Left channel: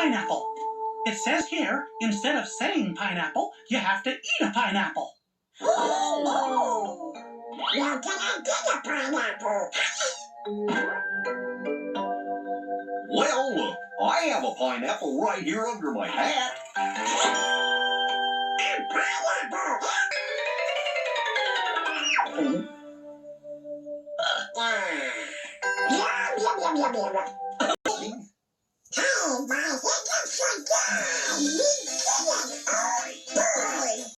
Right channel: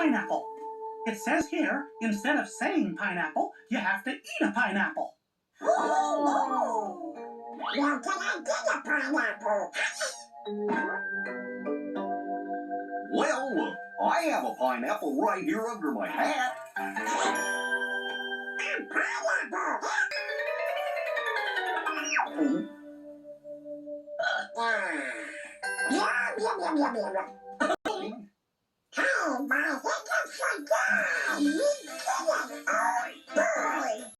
pineapple. It says here, instead of saying pineapple, you have to eat a pineapple. Oh, you're gonna get a pineapple. Well, I have a pineapple right here under my hat. A pineapple. Yum, yum, yum, yum, yum. Hey, my hiccups are gone.